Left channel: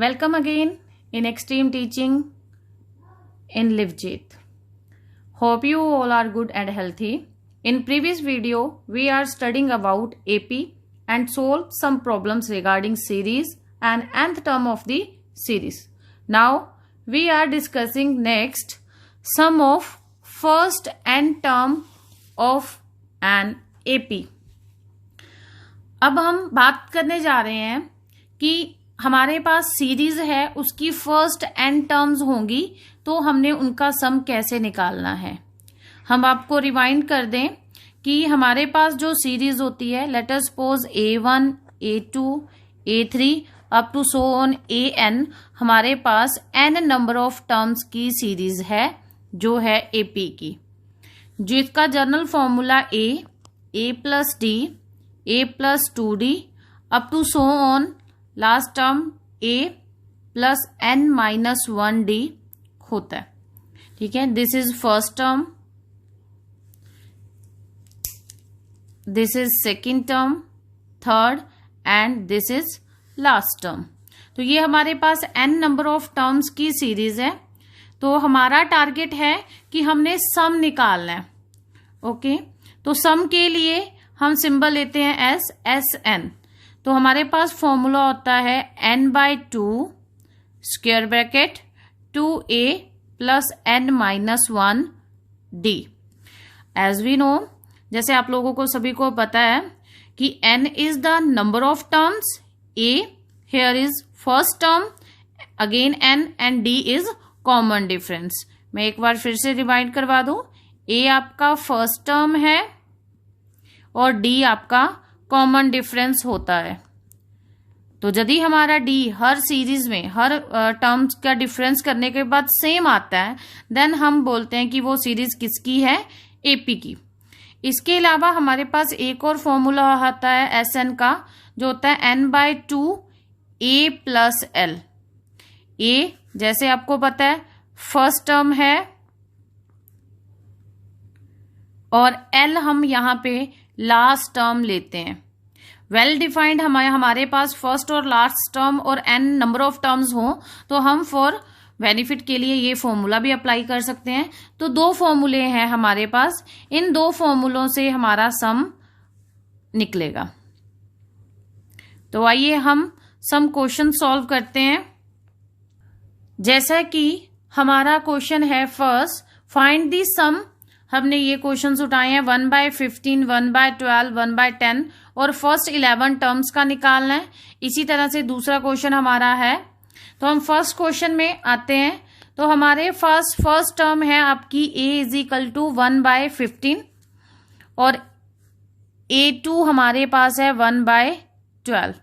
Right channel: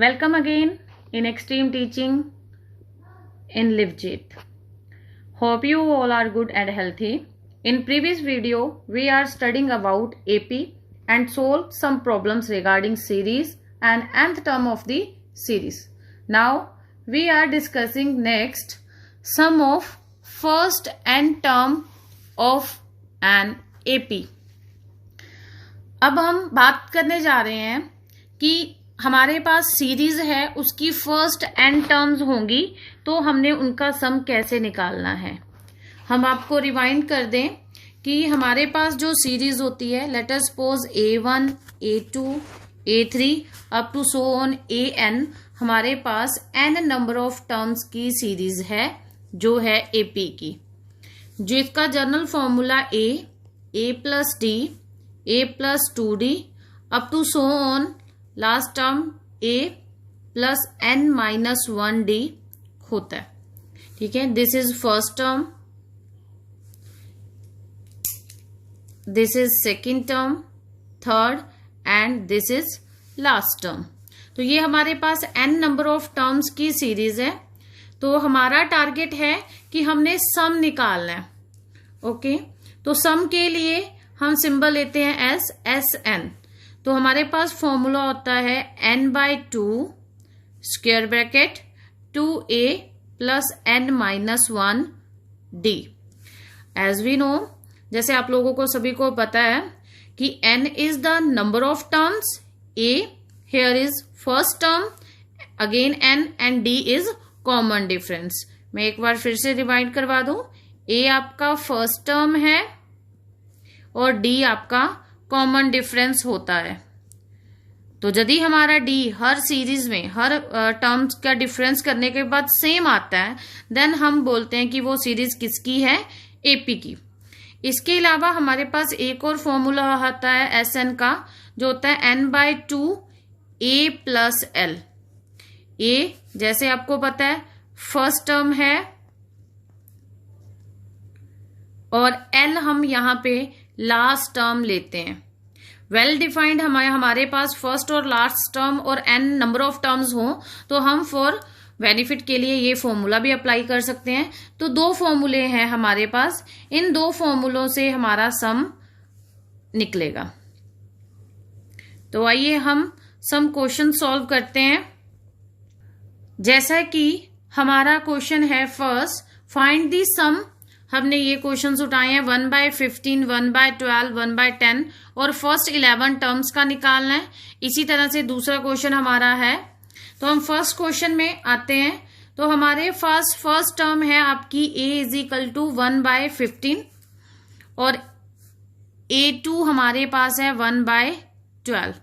Welcome again in Extreme Teaching in LiveJit. Hope you all are good and healthy. In previous video, we are studying about AP and solve some problems regarding series and nth term of the series. Now, we are discussing next sum of first n term of an AP. अब हम बात करने जा रहे हैं कि हमारे पास series है, उसकी फर्स्ट एन टर्म्स होंगी, तो हमने उनका सम कैसे निकालना है। हम आपको रिवाइंड कर दें कि हमारे पास जो सीरीज होती है, let us suppose A1, A2, A3 up to so on AN, हमारे पास n नंबर ऑफ टर्म्स की सीरीज है जो है AP की, जिसका general formula A plus D, A plus 2D up to so on last term A plus n minus 1D होता है। ठीक है, this is first term, this is second term, third and this is last term. तो ये हमारे पास n number of terms की series है। तो हमारा टारगेट है कि हमने सम निकालना है। ओके, तो सम के लिए हम सिंबल लेते हैं SN। तो हमारे पास फॉर्मूला होता है n/2 square bracket 2a plus n minus 1d। As we know, जैसे आप लोगों को सभी को पता है कि n is the number of terms, a here is first term, again n and d is common difference. मैं एक बार फिर से रिवाइंड करवा दूं, a आपका फर्स्ट टर्म है और d आपका कॉमन डिफरेंस होता है। तो यदि हमारा d हर सीरीज में हर टर्म्स का डिफरेंस करने के बाद सेम आता है, देन हम बोलते हैं कि वो सीरीज किसकी है, AP की। इसके अलावा हमारे पास एक और फॉर्मूला आता है SN का, जो होता है n/2 A plus L। A जैसे आपको पता है फर्स्ट टर्म है और L हम यहां पे लास्ट टर्म लेते हैं। वेल डिफाइंड हमारे पास फर्स्ट और लास्ट टर्म और n नंबर ऑफ टर्म्स हो, तो हम फॉर बेनिफिट के लिए ये फॉर्मूला भी अप्लाई कर सकते हैं। तो दो फॉर्मूले हैं हमारे पास, इन दो फॉर्मूलों से हमारा सम निकलेगा। तो आइए हम सम क्वेश्चन सॉल्व करते हैं। जैसा कि हमारा क्वेश्चन है फर्स्ट, फाइंड दी सम। हमने ये क्वेश्चन उठाए हैं 1/15, 1/12, 1/10 और फर्स्ट 11 टर्म्स का निकालना है। इसी तरह से दूसरा क्वेश्चन हमारा है। तो हम फर्स्ट क्वेश्चन में आते हैं। तो हमारे फर्स्ट टर्म है आपकी A इज इक्वल टू 1/15 और A2 हमारे पास है 1/12।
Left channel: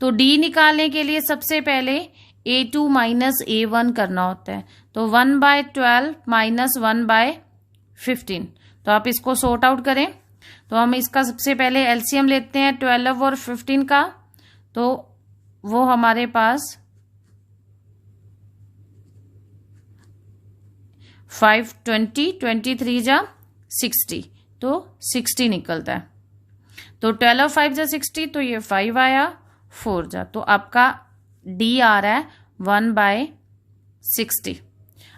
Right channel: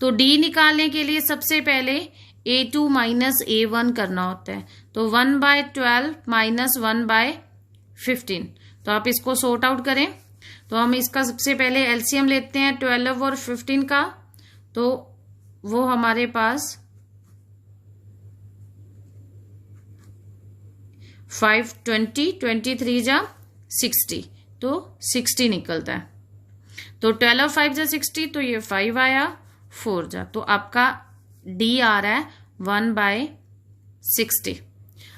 तो D निकालने के लिए सबसे पहले A2 माइनस A1 करना होता है। तो 1/12 माइनस 1/15। तो आप इसको सॉर्ट आउट करें। तो हम इसका सबसे पहले एलसीएम लेते हैं 12 और 15 का। तो वो हमारे पास 5, 20, 23 जा 60, तो 60 निकलता है। तो 12 और 5 जा 60, तो ये 5 आया, 4 जा, तो आपका D आ रहा है 1/60।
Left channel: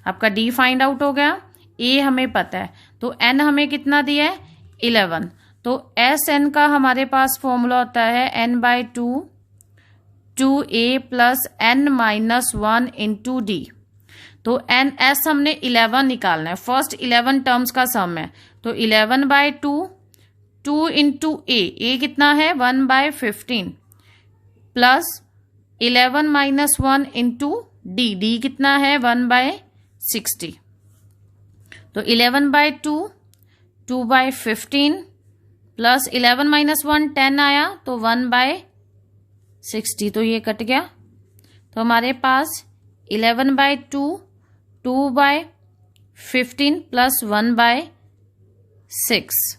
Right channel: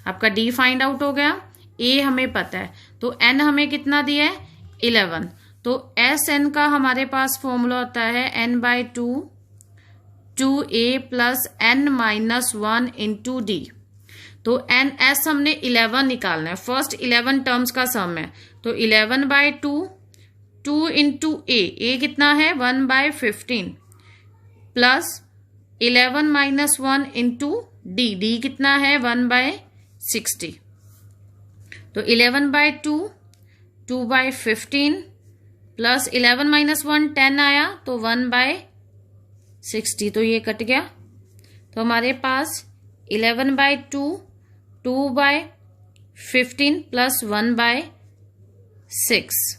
आपका D फाइंड आउट हो गया। A हमें पता है, तो N हमें कितना दिया है, 11। तो SN का हमारे पास फॉर्मूला होता है n/2 2a plus n minus 1 into D। तो NS हमने 11 निकालना है, फर्स्ट 11 टर्म्स का सम है। तो 11/2 2 इंटू A कितना है 1/15 प्लस 11 माइनस 1 इंटू D कितना है 1/60। तो 11/2 2/15 प्लस 11 माइनस 1 10 आया, तो 1/60। तो ये कट गया। तो हमारे पास 11/2 2/15 प्लस 1/6।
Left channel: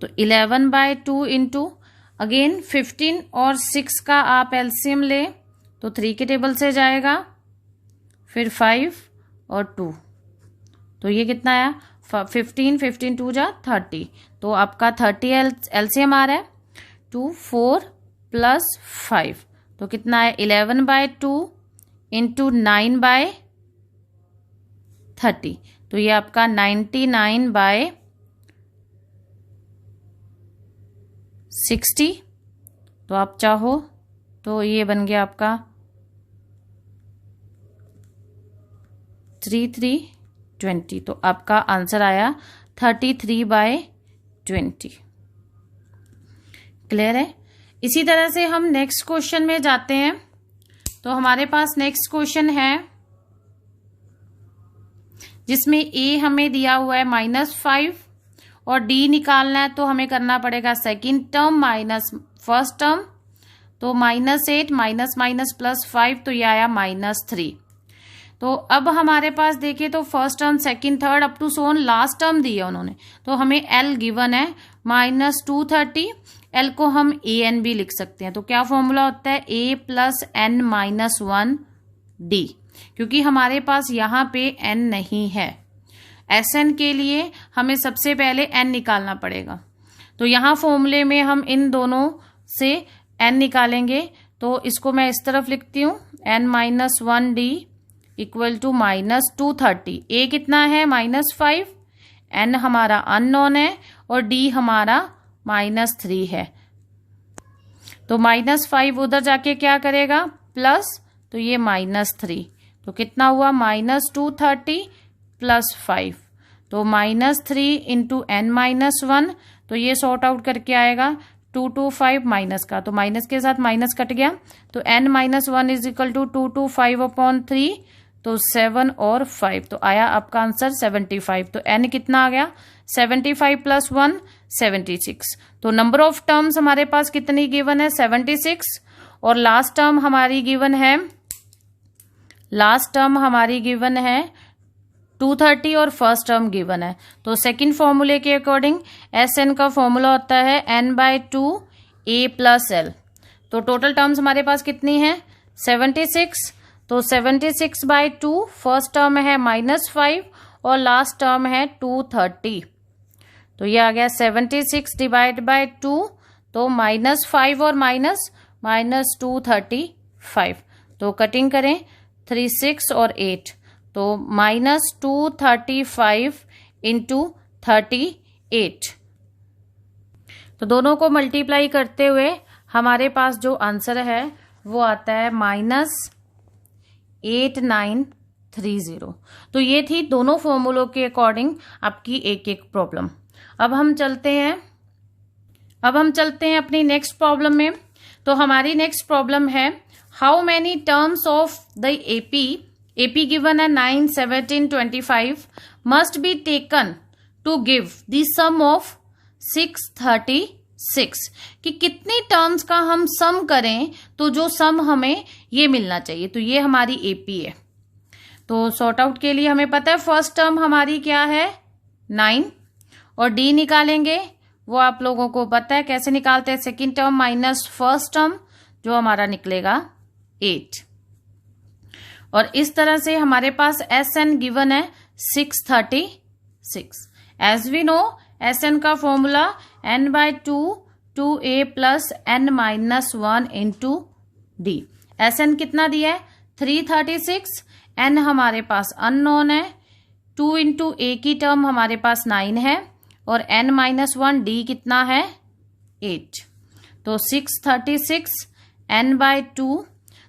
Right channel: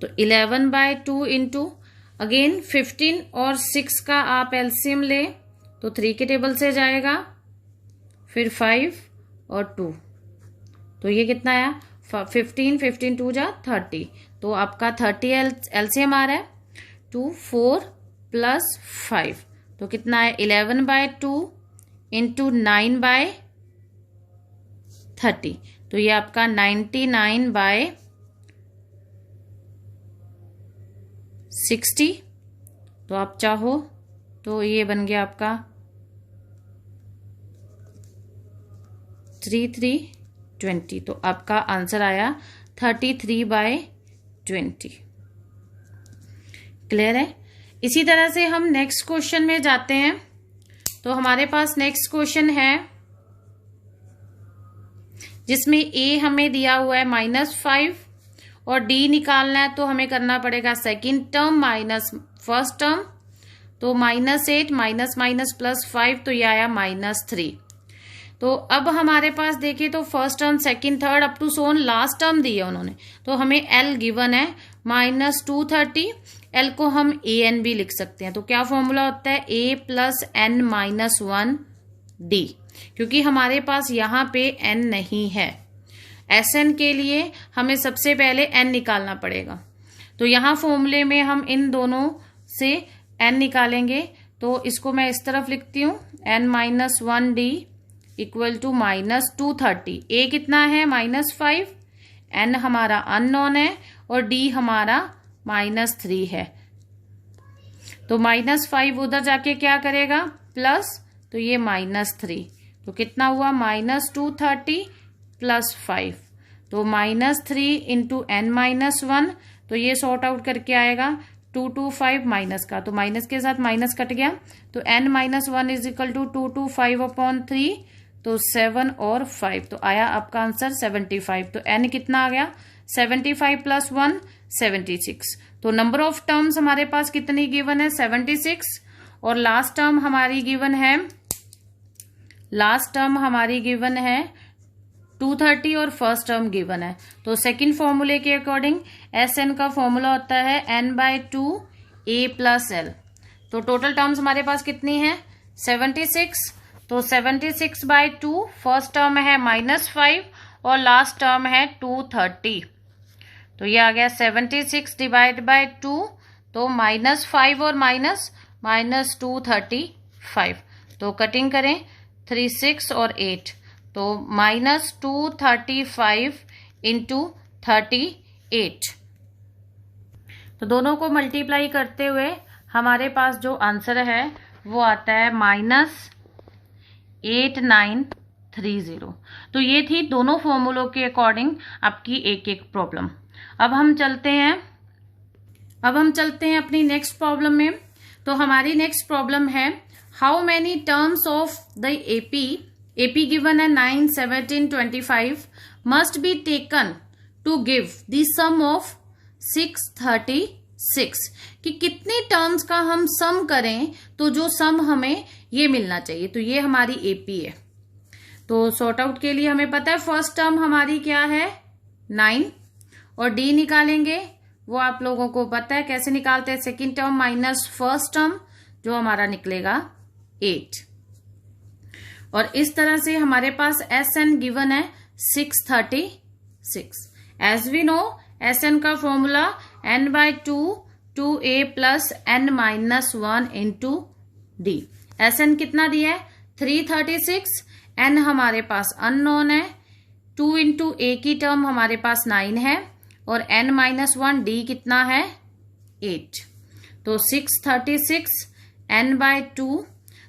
तो 11/2 इंटू अगेन 15 और 6 का आप एलसीएम ले, तो 3 के टेबल से जाएगा, फिर 5 और 2, तो ये कितना आया 15, 15 2 जा 30। तो आपका 30 एलसीएम आ रहा है। 2 4 प्लस 5, तो कितना है 11/2 इंटू 9/30, तो ये आपका 99/60। तो आप चाहो तो ये बन गया आपका 33/20, तो आपका आंसर आया 33/20। क्लियर है। इसी तरह से हम नेक्स्ट क्वेश्चन में जाते हैं। तो हमारे पास नेक्स्ट क्वेश्चन है जिसमें a हमें दिया हुआ है -5 और d निकालना है, तो हमें करना पड़ेगा second term minus first term, तो -8 माइनस माइनस +5, तो ये आया -3। तो अब हमारे पास देखिए तो first term second third up to so on last term दिया उन्होंने, तो हमें l गिवन है -230। l को हम a n भी लिख सकते हैं, तो क्या फॉर्मूला होता है a + n - 1 d, क्योंकि हमारे पास यहाँ पे n नहीं है। Sn के लिए हमें सबसे पहले n निकालना पड़ेगा, तो यहाँ फॉर्मूले में हम इन दोनों से n निकालेंगे, तो इसको मैं इस तरफ लिखती हूँ n - 1 d equal to -230। a कितना है -5, n हमारा अननोन है और d हमारा -3 है। तो -5 उधर जाके क्या करेगा प्लस, तो ये -3, तो कितना हुआ -230 + 5, तो -3 इंटू n - 1, तो ये सॉर्ट आउट करके आएगा 225 माइनस का, तो माइनस के साथ माइनस कट गया, तो n - 1 = 225/3, तो 7 और 5, तो आया आपका आंसर 75। तो n कितना आ गया 75 + 1 76। तो नंबर ऑफ टर्म्स हमारे पास कितनी गिवन है 76, और लास्ट टर्म हमारी गिवन है 230 और फर्स्ट टर्म गिवन है। तो सेकंड फॉर्मूले के अकॉर्डिंग Sn का फॉर्मूला होता है n/2 a + l। तो टोटल टर्म्स हमारे पास कितनी है 76, तो 76/2 फर्स्ट टर्म है -5 और लास्ट टर्म है 230, तो ये आ गया 76 / 2, तो -5 और -235, तो कटिंग करें 3 6 और 8, तो -235 इंटू 38, तो दोनों को मल्टीप्लाई करते हुए हमारे पास जो आंसर है वो आता है -8930। तो ये थी दोनों फॉर्मूलों के अकॉर्डिंग आपकी एक एक प्रॉब्लम। अब हम चलते हैं अपनी नेक्स्ट प्रॉब्लम में। तो हमारी नेक्स्ट प्रॉब्लम है how many terms of the AP given है 9 17 25 must be taken to give the sum of 636, कि कितनी टर्म्स का हम सम करें तो जो सम हमें ये मिलना चाहिए। तो ये हमारी एपी है। तो सॉर्ट आउट के लिए हमें पता है फर्स्ट टर्म हमारी क्या है 9 और डी निकालेंगे, वो आप लोगों को पता है कैसे निकालते हैं, second term minus first term जो हमारा निकलेगा 8, और इस तरह से हमारे पास Sn गिवन है 636। एज वी नो Sn का formula n/2 2a + n - 1 into d। Sn कितना दिया है 336, n हमारे पास अननोन है, 2 इंटू a की टर्म हमारे पास 9 है और n - 1 d कितना है 8, तो 636 n/2।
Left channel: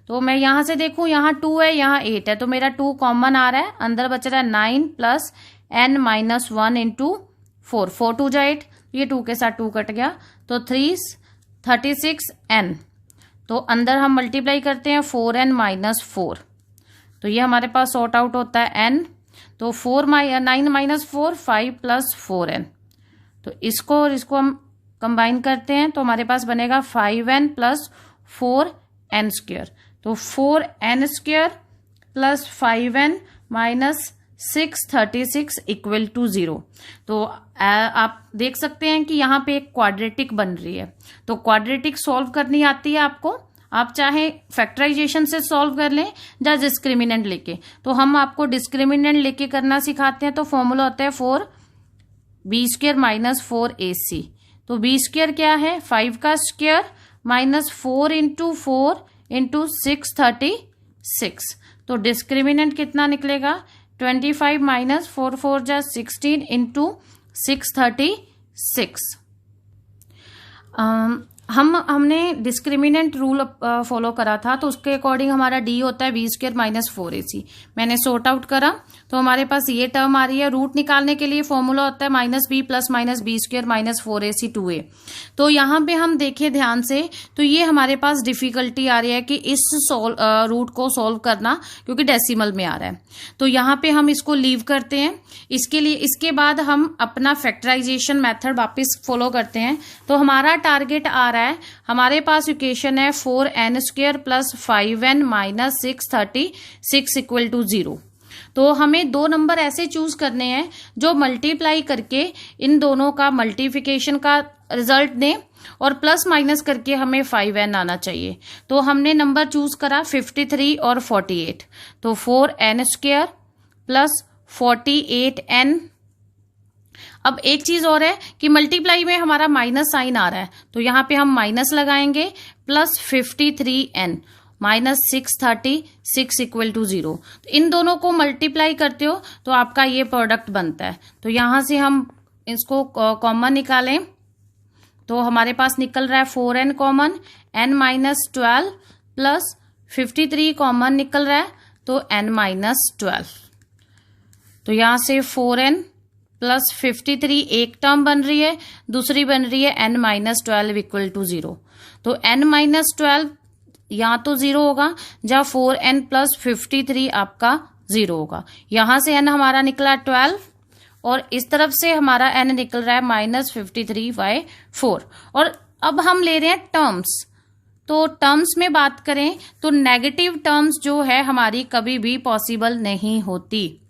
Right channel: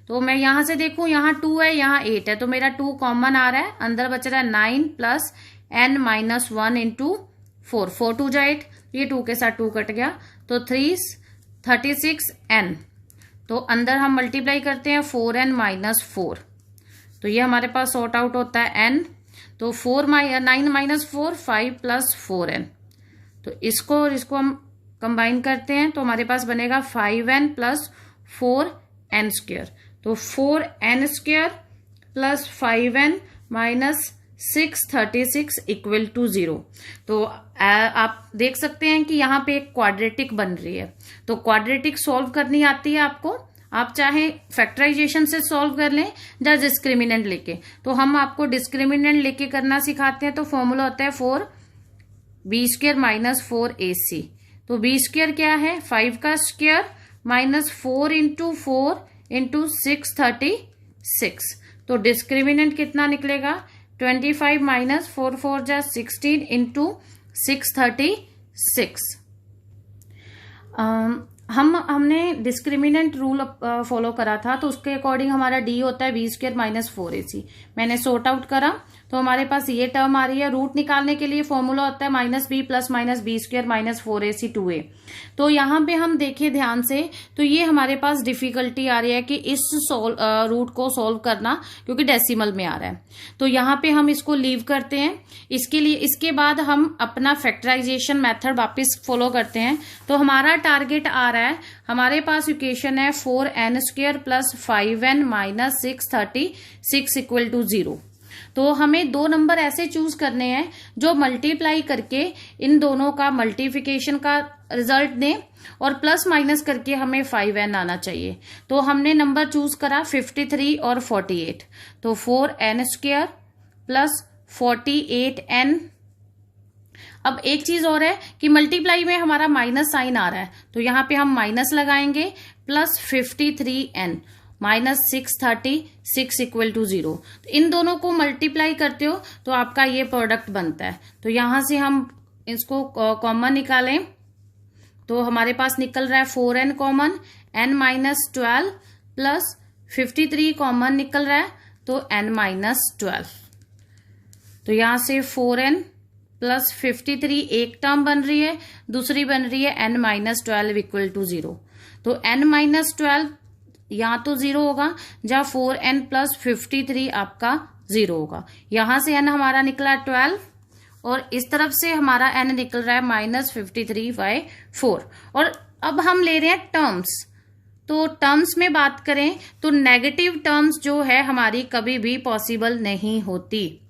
तो मैं यहां से देखूं यहाँ 2 है यहाँ 8 है, तो मेरा 2 कॉमन आ रहा है, अंदर बच रहा है 9 + n - 1 इंटू 4, 4 2 जा 8, ये 2 के साथ 2 कट गया, तो 336 n, तो अंदर हम मल्टीप्लाई करते हैं 4n - 4, तो ये हमारे पास सॉर्ट आउट होता है n, तो 9 - 4 5 + 4n, तो इसको और इसको हम कंबाइन करते हैं तो हमारे पास बनेगा 5n + 4n², तो 4n² + 5n - 636 = 0। तो आप देख सकते हैं कि यहाँ पे एक क्वाड्रेटिक बन रही है, तो क्वाड्रेटिक सॉल्व करनी आती है आपको, आप चाहे फैक्टराइजेशन से सॉल्व कर लें या डिस्क्रिमिनेंट लेके, तो हम आपको डिस्क्रिमिनेंट लेके करना सिखाते हैं। तो फॉर्मूला होता है 4b² - 4ac, तो b² क्या है 5 का स्क्वायर -4 × 4 इंटू 636। तो डिस्क्रिमिनेंट कितना निकलेगा 25 माइनस 4 4 जा 16 इंटू 636। हमने डिस्क्रिमिनेंट रूल फॉलो करा था, तो उसके अकॉर्डिंग हमारा डी होता है वी स्क्वायर माइनस 4ac। मैंने सॉर्ट आउट करा तो हमारे पास ये टर्म आ रही है। रूट निकालने के लिए फॉर्मूला होता है minus b plus minus b square minus 4ac 2a। तो यहाँ पे हम देखें ध्यान से, तो ये हमारे पास डिफिकल्टी आ रही है कि इस रूट को सॉल्व करना, क्योंकि डेसिमल में आ रहा है। तो यहाँ पे हम इसको लीव करते हैं। इसके बाद हम अपना फैक्टराइजेशन मेथड वापस फॉलो करते हैं। तो हमारा टारगेट आ रहा है, हमारे पास इक्वेशन है 4n square plus 5n minus 636 equal to 0। तो हमें दो नंबर ऐसे चूज करने हैं जो मल्टीप्लाई करके इन दोनों का मल्टीप्लिकेशन का रिजल्ट दें और प्लस माइनस करके हमें 5n आना चाहिए। तो हमने नंबर चूज करा 53 और 48। तो 4n स्क्वायर प्लस 48n। अब एक चीज और है कि मल्टीप्लाई में हमारा माइनस साइन आ रहा है, तो यहां पे हम माइनस लगाएंगे, plus 53n minus 636 equal to 0। तो इन दोनों को मल्टीप्लाई करते हो तो आपका ये प्रोडक्ट बनता है। तो यहां से हम इसको कॉमन निकालें तो हमारे पास निकल रहा है 4n common, n minus 12 plus 53 common निकल रहा है, तो n माइनस 12। तो यहां से 4n प्लस 53 एक टर्म बन रही है, दूसरी बन रही है n माइनस 12 इक्वल टू 0। तो n माइनस 12 यहाँ तो 0 होगा, जहाँ 4n प्लस 53 आपका 0 होगा। यहां से n हमारा निकला 12 और इस तरफ से हमारा n निकल रहा है माइनस 53/4। और अब हम ले रहे हैं टर्म्स। तो टर्म्स में बात करें तो नेगेटिव टर्म्स जो है हमारी कभी भी पॉसिबल नहीं होती।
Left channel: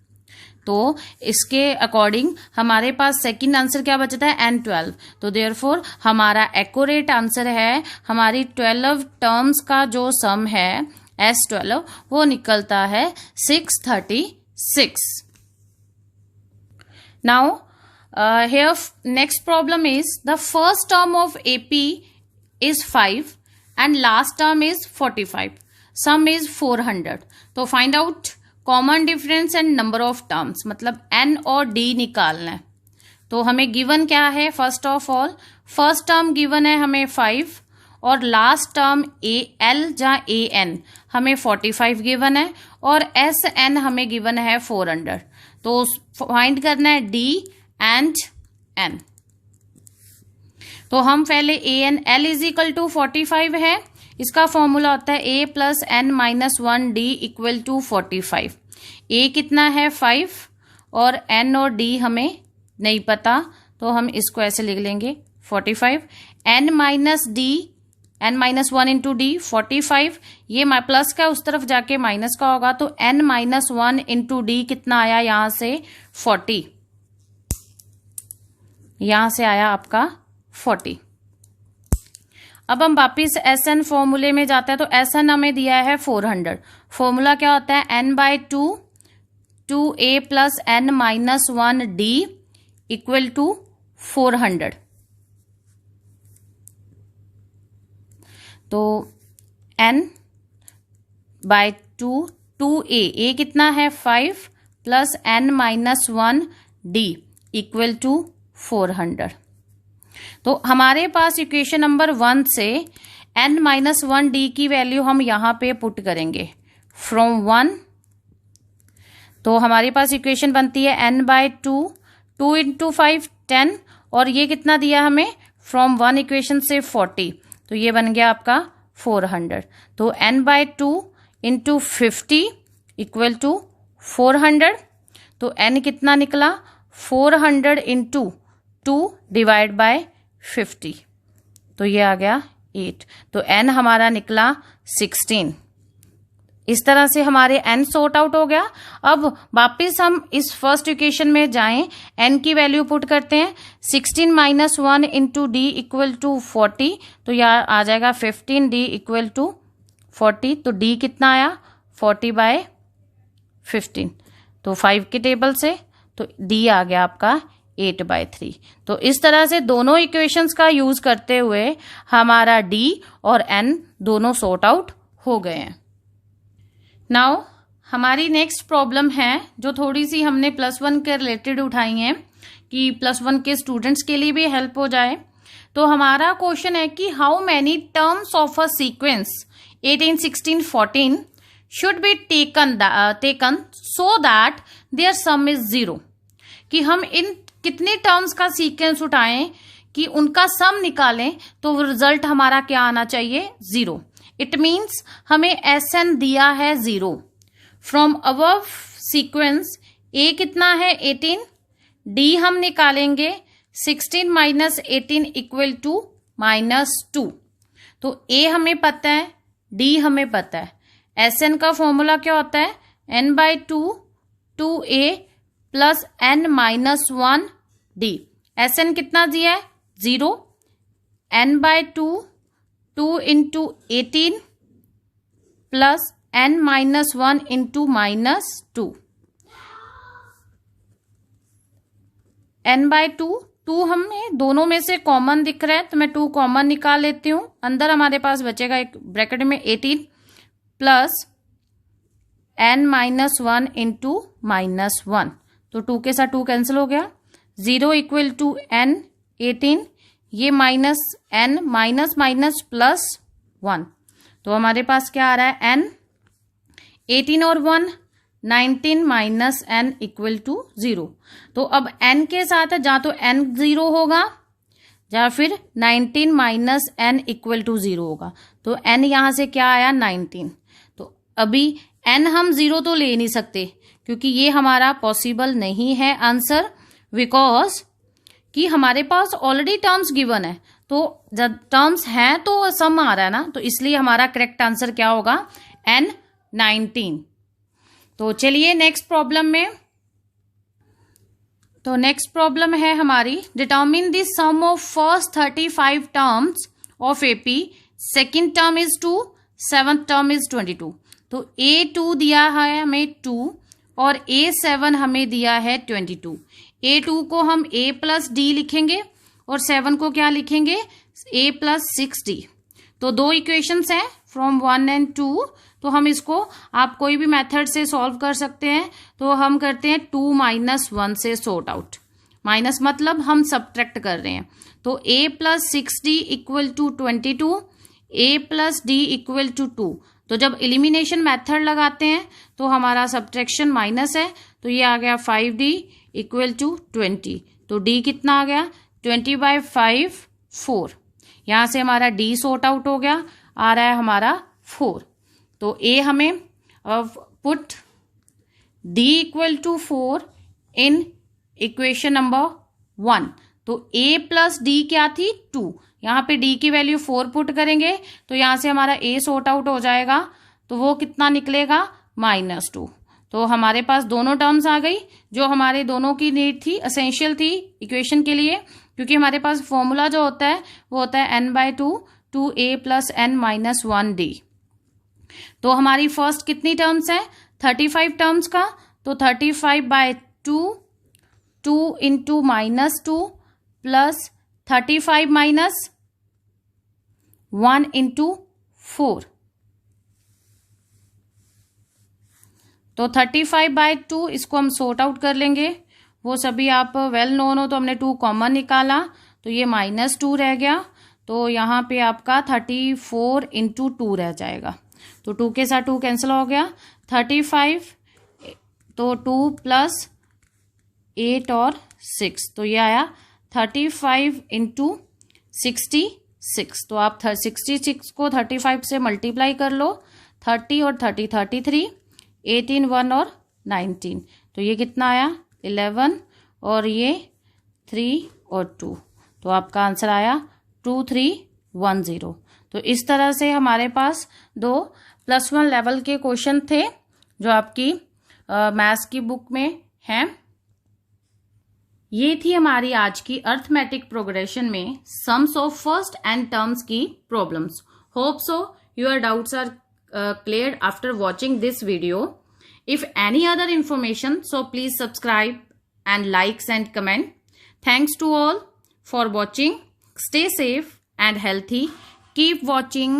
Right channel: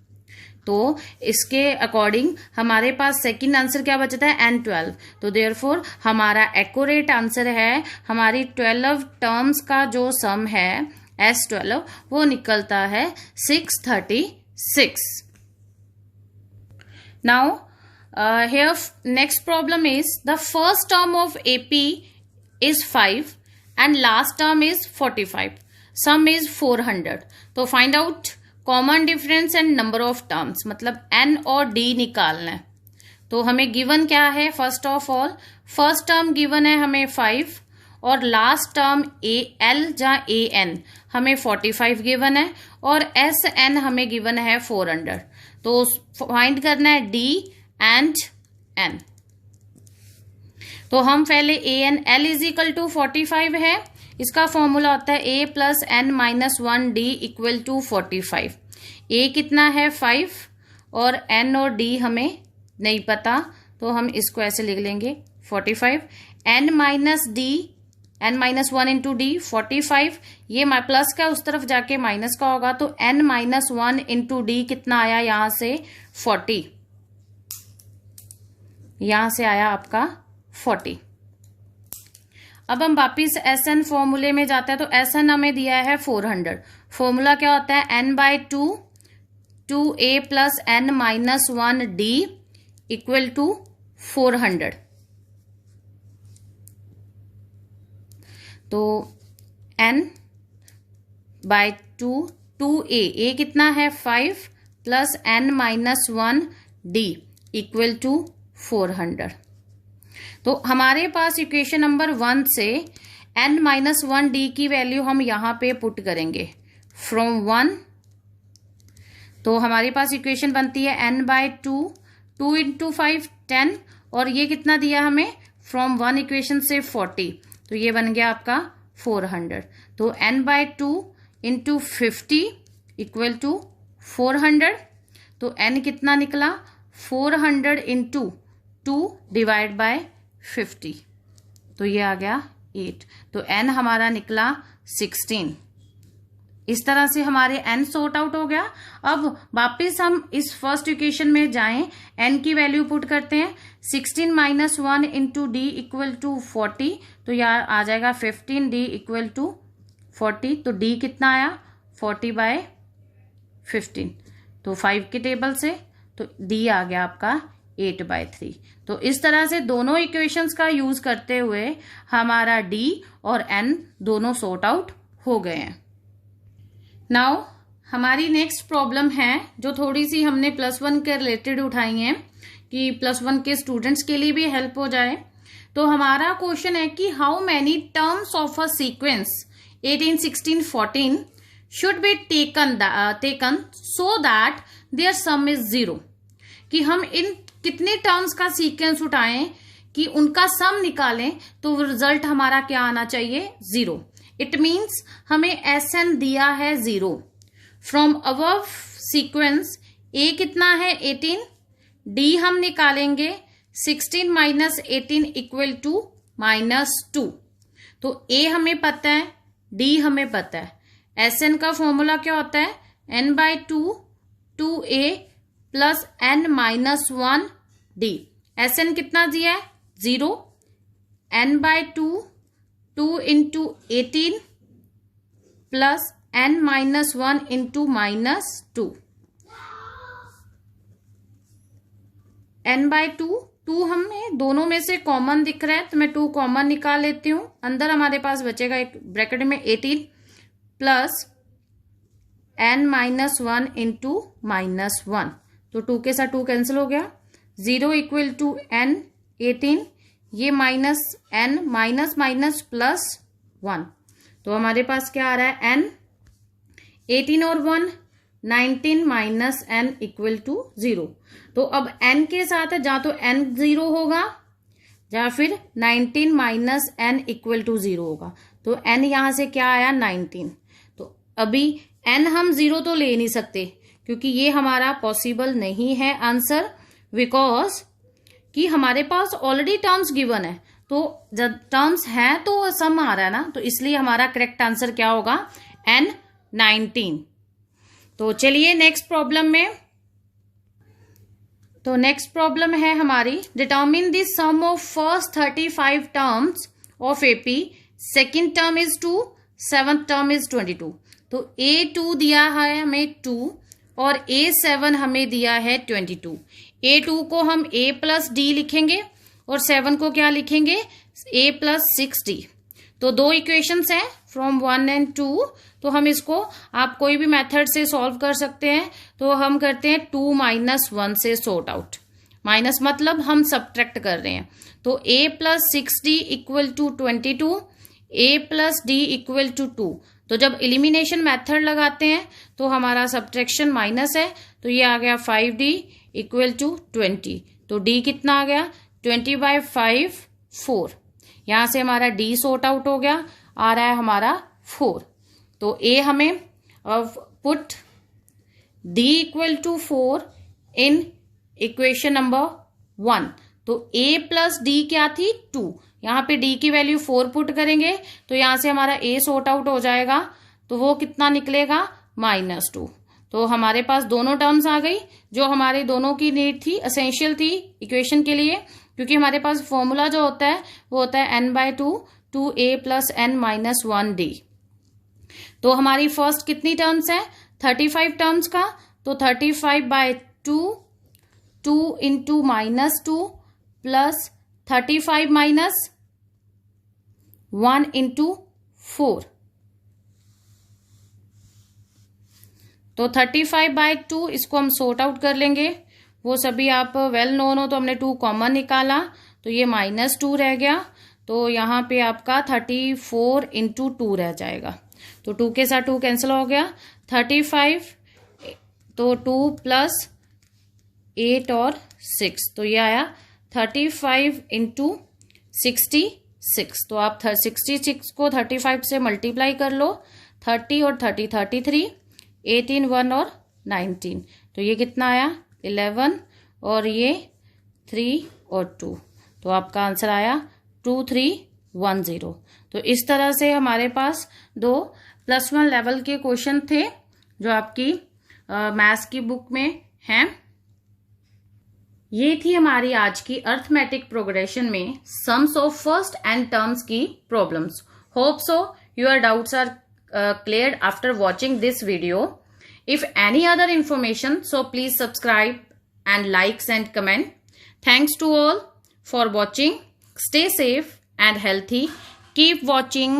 तो इसके अकॉर्डिंग हमारे पास सेकंड आंसर क्या बचता है n12। तो देयरफॉर हमारा एक्यूरेट आंसर है, हमारी 12 टर्म्स का जो सम है S12 वो निकलता है 636। Now here next problem is the first term of AP is 5 and last term is 45. Sum is 400. तो find out common difference and number of terms, मतलब n और d निकालना है। तो हमें गिवन क्या है, first of all first term given है हमें 5 और लास्ट टर्म al जहाँ an हमें 45 गिवन है और sn हमें गिवन है 400। तो फाइंड करना है d एंड n। तो हम पहले an l is equal to 45 है, इसका फॉर्मूला होता है a plus n minus 1d equal to 45। a कितना है 5 और n और d हमें नहीं पता, तो हम इसको ऐसे लिख लेंगे 45। n minus d n minus 1 into D 45, ये प्लस का उस तरफ जाके माइनस का होगा, तो n माइनस 1 इंटू डी कितना आया यहां से 40, यहां से आया आपका 40। अब हम वापिस SN फॉर्मूले में जाते हैं। तो SN हमें दिया है 400। फॉर्मूला क्या होता है n/2 2a plus n minus 1d equal to 400। तो n/2 2a कितना है 5 plus n minus 1d equal to 400। तो हमारे पास इक्वेशन नंबर 1 से n माइनस 1d की वैल्यू हम यहां पे पुट करेंगे फ्रॉम 1। तो हमारे पास इक्वेशन बनती है n/2 2 इंटू 5 10 और ये कितना दिया हमें फ्रॉम 1 इक्वेशन से 40, तो ये बन गया आपका 400। तो n/2 इंटू 50 इक्वल टू 400। तो n कितना निकला 400 इंटू 2 डिवाइड बाय 50, तो ये आ गया 8। तो n हमारा निकला 16। इस तरह से हमारे n सॉर्ट आउट हो गया। अब वापिस हम इस फर्स्ट इक्वेशन में जाएं, n की वैल्यू पुट करते हैं 16 minus 1 into D equal to 40, तो यह आ जाएगा 15d इक्वल टू 40। तो d कितना आया 40/15, तो 5 के टेबल से, तो d आ गया आपका 8/3। तो इस तरह से दोनों इक्वेशंस का यूज करते हुए हमारा d और n दोनों सॉर्ट आउट हो गए हैं। नाउ हमारी नेक्स्ट प्रॉब्लम है जो थोड़ी सी हमने +1 के रिलेटेड उठाई है कि +1 के स्टूडेंट्स के लिए भी हेल्प हो जाए। तो हमारा क्वेश्चन है कि how many terms of a sequence 18, 16, 14 should be taken so that their sum is 0। कि हम इन कितने टर्म्स का सीक्वेंस उठाएं कि उनका सम निकालें तो रिजल्ट हमारा क्या आना चाहिए, 0। इट मीन्स हमें SN दिया है 0 फ्रॉम अबव सीक्वेंस। A कितना है 18, D हम निकालेंगे 16 माइनस 18 इक्वल टू -2। तो A हमें पता है, D हमें पता है। SN का फॉर्मूला क्या होता है, n/2 2A plus n-1 D। SN कितना दिया है 0, n/2 2 into 18 plus n-1 into -2। n/2 2 हमें दोनों में से कॉमन दिख रहा है तो मैं 2 कॉमन निकाल लेती हूं। अंदर हमारे पास बचेगा एक ब्रैकेट में 18 प्लस n-1 इंटू -1। तो 2 के साथ 2 कैंसिल हो गया। 0 इक्वल टू n 18, ये minus n minus minus plus 1। तो हमारे पास क्या आ रहा है n 18 और 1 19 माइनस n इक्वल टू 0। तो अब n के साथ जहाँ तो n 0 होगा या फिर 19 माइनस n इक्वल टू 0 होगा। तो n यहाँ से क्या आया 19। तो अभी n हम 0 तो ले नहीं सकते क्योंकि ये हमारा पॉसिबल नहीं है आंसर, बिकॉज कि हमारे पास ऑलरेडी टर्म्स गिवन है। तो जब टर्म्स हैं तो सम आ रहा है ना, तो इसलिए हमारा करेक्ट आंसर क्या होगा n 19। तो चलिए नेक्स्ट प्रॉब्लम में। तो नेक्स्ट प्रॉब्लम है हमारी, determine the sum of first 35 terms of AP, second term is 2, seventh term is 22। तो A2 दिया है हमें 2 और A7 हमें दिया है 22। A2 को हम A प्लस D लिखेंगे और 7 को क्या लिखेंगे A प्लस 6D। तो दो इक्वेशंस हैं फ्रॉम 1 एंड 2। तो हम इसको आप कोई भी मेथड से सॉल्व कर सकते हैं। तो हम करते हैं 2 माइनस 1 से सॉर्ट आउट। माइनस मतलब हम सब्ट्रैक्ट कर रहे हैं। तो A plus 6D equal to 22, A plus D equal to 2। तो जब एलिमिनेशन मेथड लगाते हैं तो हमारा सब्ट्रैक्शन माइनस है, तो ये आ गया 5D इक्वल टू 20। तो D कितना आ गया 20/5 4। यहां से हमारा D सॉर्ट आउट हो गया, आ रहा है हमारा 4। तो A हमें put D equal to 4 in equation number 1। तो A प्लस D क्या थी 2, यहाँ पे D की वैल्यू 4 पुट करेंगे तो यहाँ से हमारा A सॉर्ट आउट हो जाएगा। तो वो कितना निकलेगा -2। तो हमारे पास दोनों टर्म्स आ गई जो हमारे दोनों की नीड थी, एसेंशियल थी इक्वेशन के लिए, क्योंकि हमारे पास फॉर्मूला जो होता है वो होता है n/2 2A प्लस n-1D। तो हमारी फर्स्ट कितनी टर्म्स है 35 टर्म्स का। तो 35/2 2 इंटू -2 प्लस 35 माइनस 1 इंटू 4। तो 35/2 इसको हम सॉर्ट आउट कर लेंगे। वो सभी आप वेल नोन हो, तो हमने 2 कॉमन निकाला तो ये -2 रह गया। तो यहाँ पे आपका 34 इंटू 2 रह जाएगा। तो 2 के साथ 2 कैंसिल हो गया। 35 तो 2 प्लस 8 और 6, तो ये आया 35 इंटू 66। तो आप 66 को 35 से मल्टीप्लाई कर लो। 30 और 30 33, 18 1 और 19। तो ये कितना आया 11 और ये 3 और 2। तो आपका आंसर आया 2310। तो इस तरह से हमारे पास 2 +1 लेवल के क्वेश्चन थे जो आपकी मैथ्स की बुक में हैं। ये थी हमारी आज की अर्थमेटिक प्रोग्रेशन में sums of first n terms की problems. Hope so your doubts are cleared after watching this video. If any other information, so please subscribe and likes and comment. Thanks to all for watching. Stay safe and healthy. Keep watching.